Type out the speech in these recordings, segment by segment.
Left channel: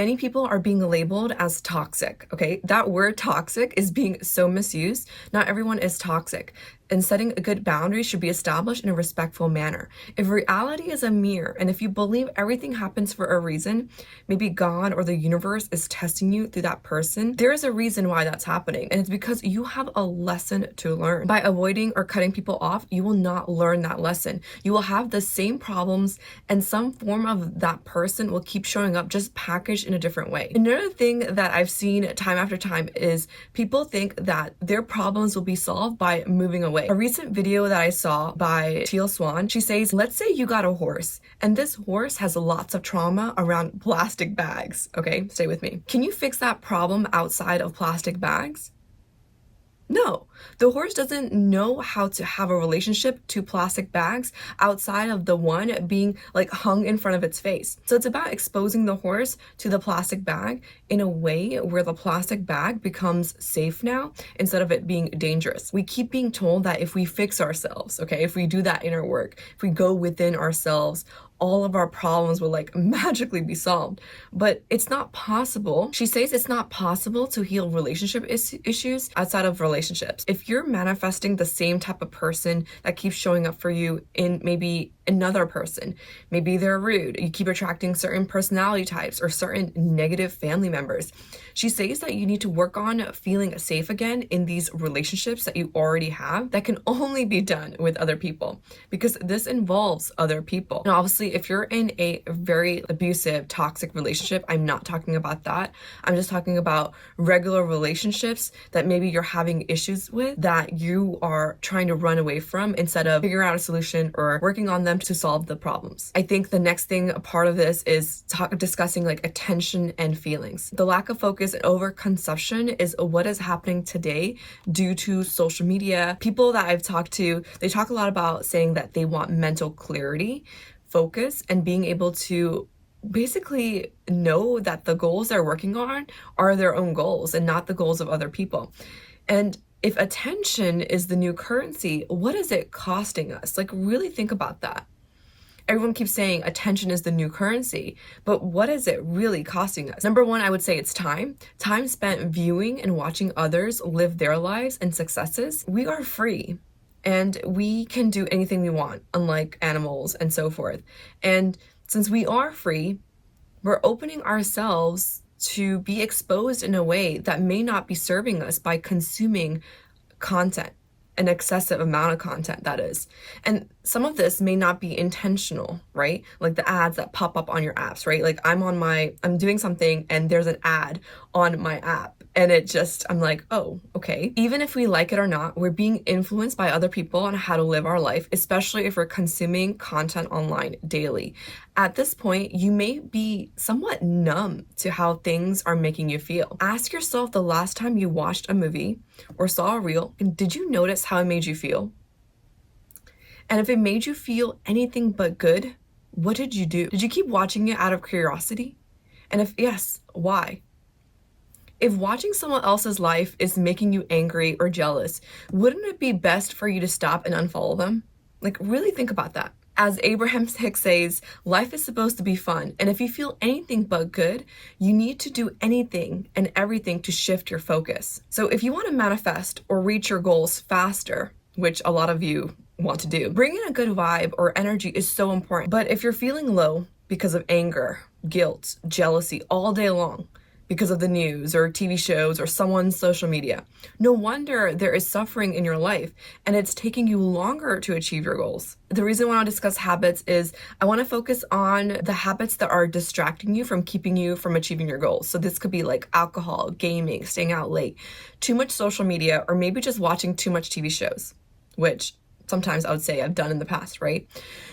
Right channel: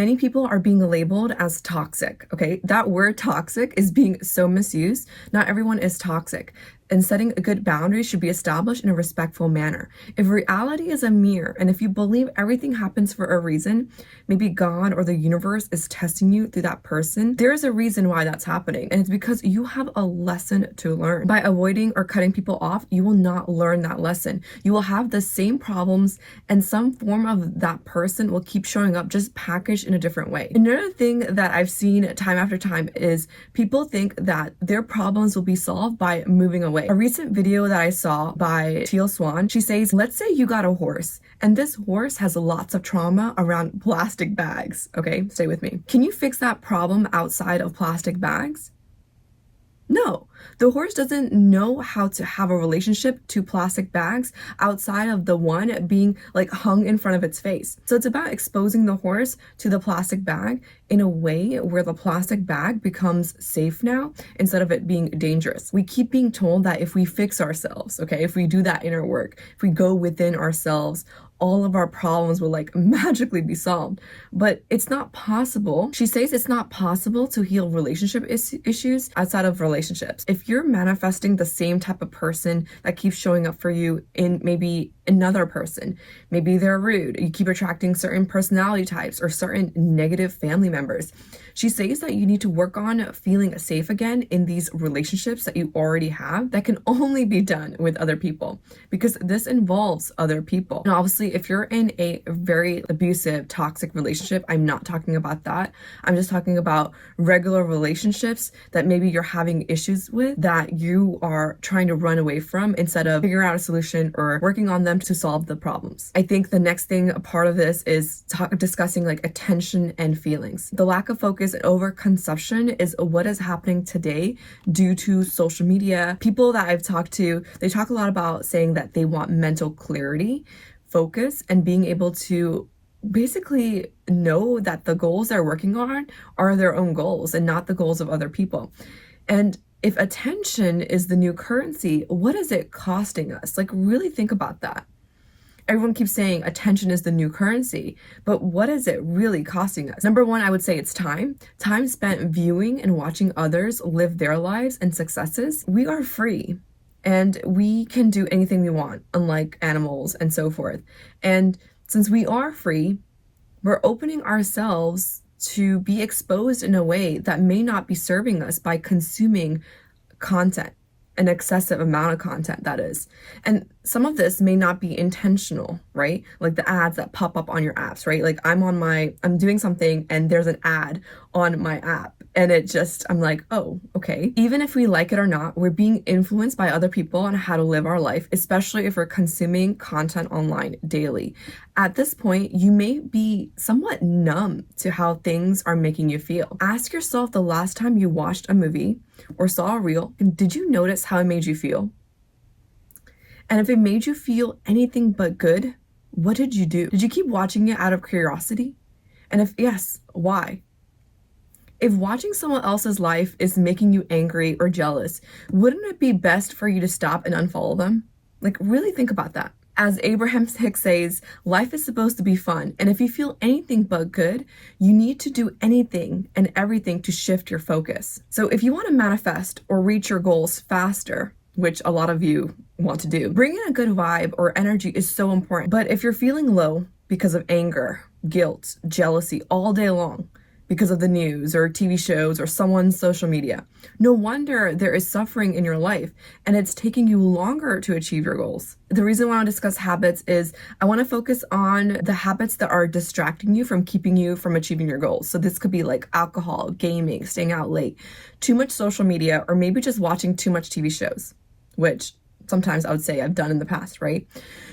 many people are being labeled as toxic, okay? That word toxic is being so misused. Not everyone is toxic. And setting a good boundary should be established in a respectful manner. If reality is a mirror, and if you believe everything happens for a reason, maybe God or the universe is testing you through that person, there is a reason why that's happening. And it's because you have a lesson to learn. By avoiding or cutting people off, you will not learn that lesson. You will have the same problems, and some form of that person will keep showing up, just packaged in a different way. Another thing that I've seen time after time is people think that their problems will be solved by moving away. A recent video that I saw by Teal Swan, she says, let's say you got a horse and this horse has lots of trauma around plastic bags. Okay, stay with me. Can you fix that problem outside of plastic bags? No, the horse doesn't know how to have a relationship to plastic bags outside of the one being like hung in front of its face. So it's about exposing the horse to the plastic bag in a way where the plastic bag becomes safe now instead of it being dangerous. We keep being told that if we fix ourselves, okay, if we do that inner work, if we go within ourselves, all of our problems will like magically be solved. But it's not possible. She says it's not possible to heal relationship issues outside of relationships. If you're manifesting the same type of person that keeps showing up for you in maybe another person, maybe they're rude, you keep attracting certain personality types or certain negative family members. She says that you need to work on feeling safe again in these relationships that you already have that can only be done with other people, because this involves other people. And obviously, if you're in a very abusive, toxic relationship, I'm not talking about that. I'm just talking about regular relationships that maybe you're having issues with that you are trying to run away from instead of figuring out a solution or working on them to solve the problems. I think the next thing, a part of this is discussing like attention and feelings. The lack of focus and overconsumption is what is happening today due to social media. People that I've talked to, they talk a lot about saying that they want mental clarity, focus, and being able to basically know that the goals they're working on are their own goals and not the goals of other people. And if attention is the new currency, what is it costing us? Like, really think about that. Everyone keeps saying attention is the new currency, but what is it really costing us? Number one, I would say it's time. Time spent viewing and watching others live their lives and successes. We are free and we can do anything we want, unlike animals and so forth. And since we are free, we're opening ourselves to be exposed in a way that may not be serving us by consuming content. An excessive amount of content, that is. And some of this may not be intentional, right? Like the ads that pop up on your apps, right? Like I'm doing something and there's an ad on my app and I'm like, oh, okay. Even if we like it or not, we're being influenced by other people on how to live our life, especially if we're consuming content online daily. At this point, you may be somewhat numb to how things are making you feel. Ask yourself the last time you watched a movie or saw a reel, and did you notice how it made you feel? And if it made you feel anything but good, what did you do? Did you keep watching it out of curiosity? And if yes, why? If watching someone else's life is making you angry or jealous, wouldn't it be best for you to stop and unfollow them? Like, really think about that. As Abraham Hicks says, life is supposed to be fun. And if you feel anything but good, you need to do anything and everything to shift your focus. So if you want to manifest or reach your goals faster, which a lot of you want to do, bringing a good vibe or energy is so important. But if you're feeling low because of anger, guilt, jealousy all day long, because of the news or TV shows or someone's social media, no wonder there is suffering in your life and it's taking you longer to achieve your goals. The reason why I want to discuss habits is I want to focus on the habits that are distracting you from keeping you from achieving your goals. So this could be like alcohol, gaming, staying out late, too much social media, or maybe just watching too much TV shows, which sometimes I would say I've done in the past, right?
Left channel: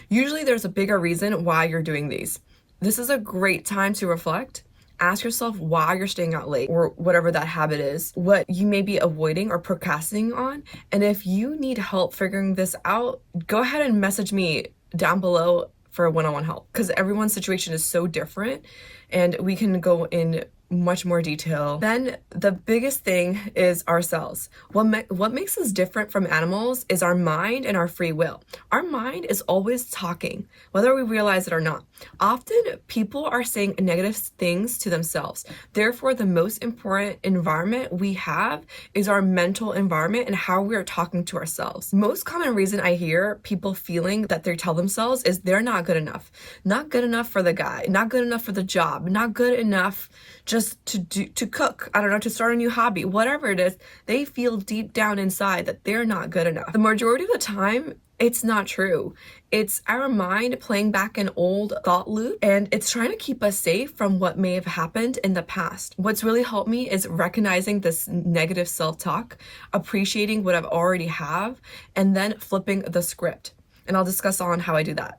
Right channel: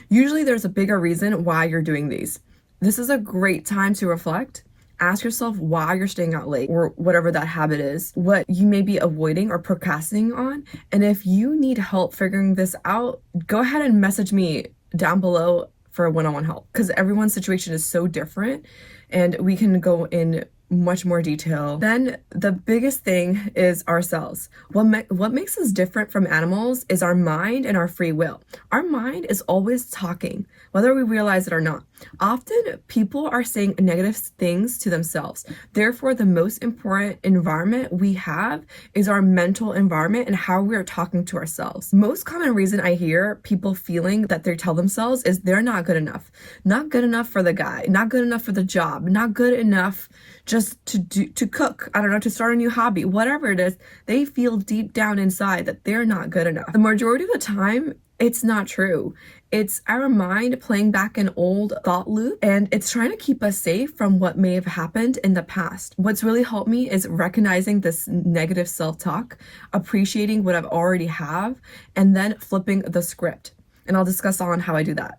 Usually there's a bigger reason why you're doing these. This is a great time to reflect. Ask yourself why you're staying out late or whatever that habit is, what you may be avoiding or procrastinating on. And if you need help figuring this out, go ahead and message me down below for one-on-one help, because everyone's situation is so different and we can go in much more detail. Then the biggest thing is ourselves. What makes us different from animals is our mind and our free will. Our mind is always talking, whether we realize it or not. Often people are saying negative things to themselves. Therefore, the most important environment we have is our mental environment and how we are talking to ourselves. Most common reason I hear people feeling that they tell themselves is they're not good enough. Not good enough for the guy, not good enough for the job, not good enough just to cook, I don't know, to start a new hobby, whatever it is. They feel deep down inside that they're not good enough. The majority of the time, it's not true. It's our mind playing back an old thought loop, and it's trying to keep us safe from what may have happened in the past. What's really helped me is recognizing this negative self-talk, appreciating what I've already have, and then flipping the script. And I'll discuss on how I do that.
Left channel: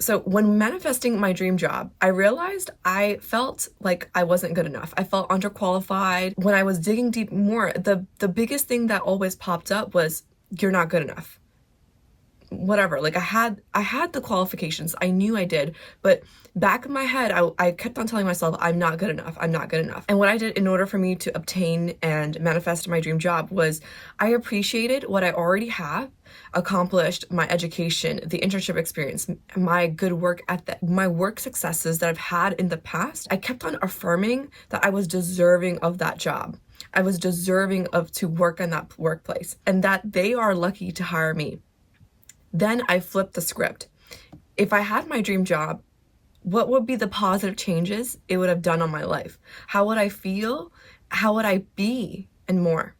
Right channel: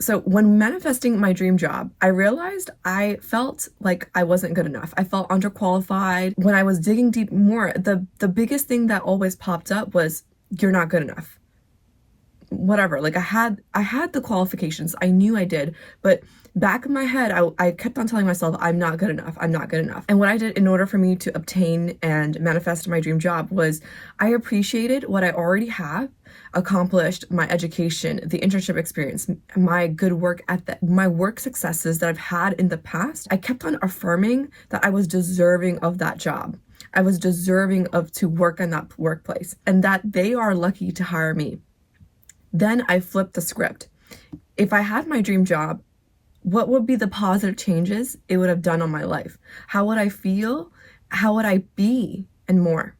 So when manifesting my dream job, I realized I felt like I wasn't good enough. I felt underqualified. When I was digging deep more, the biggest thing that always popped up was, you're not good enough. Whatever, like I had the qualifications. I knew I did, but back in my head, I kept on telling myself, I'm not good enough. I'm not good enough. And what I did in order for me to obtain and manifest my dream job was I appreciated what I already have, accomplished, my education, the internship experience, my good work ethic, my work successes that I've had in the past. I kept on affirming that I was deserving of that job. I was deserving of to work in that workplace, and that they are lucky to hire me. Then I flipped the script. If I had my dream job, what would be the positive changes it would have done on my life? How would I feel? How would I be? And more.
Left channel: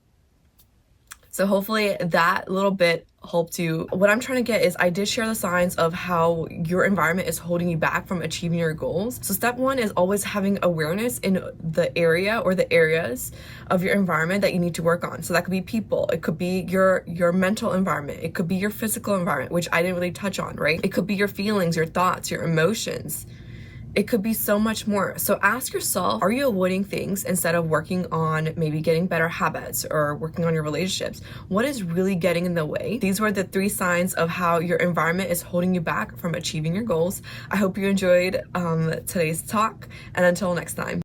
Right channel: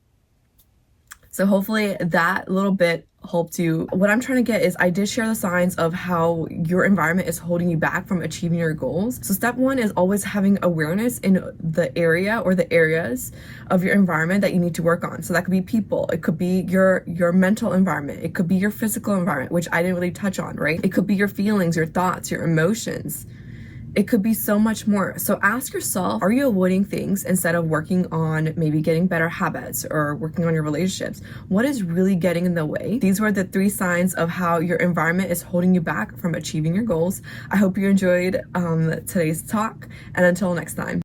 So hopefully that little bit helped you. What I'm trying to get is, I did share the signs of how your environment is holding you back from achieving your goals. So step one is always having awareness in the area or the areas of your environment that you need to work on. So that could be people, it could be your mental environment, it could be your physical environment, which I didn't really touch on, right? It could be your feelings, your thoughts, your emotions. It could be so much more. So ask yourself, are you avoiding things instead of working on maybe getting better habits or working on your relationships? What is really getting in the way? These were the 3 signs of how your environment is holding you back from achieving your goals. I hope you enjoyed today's talk, and until next time.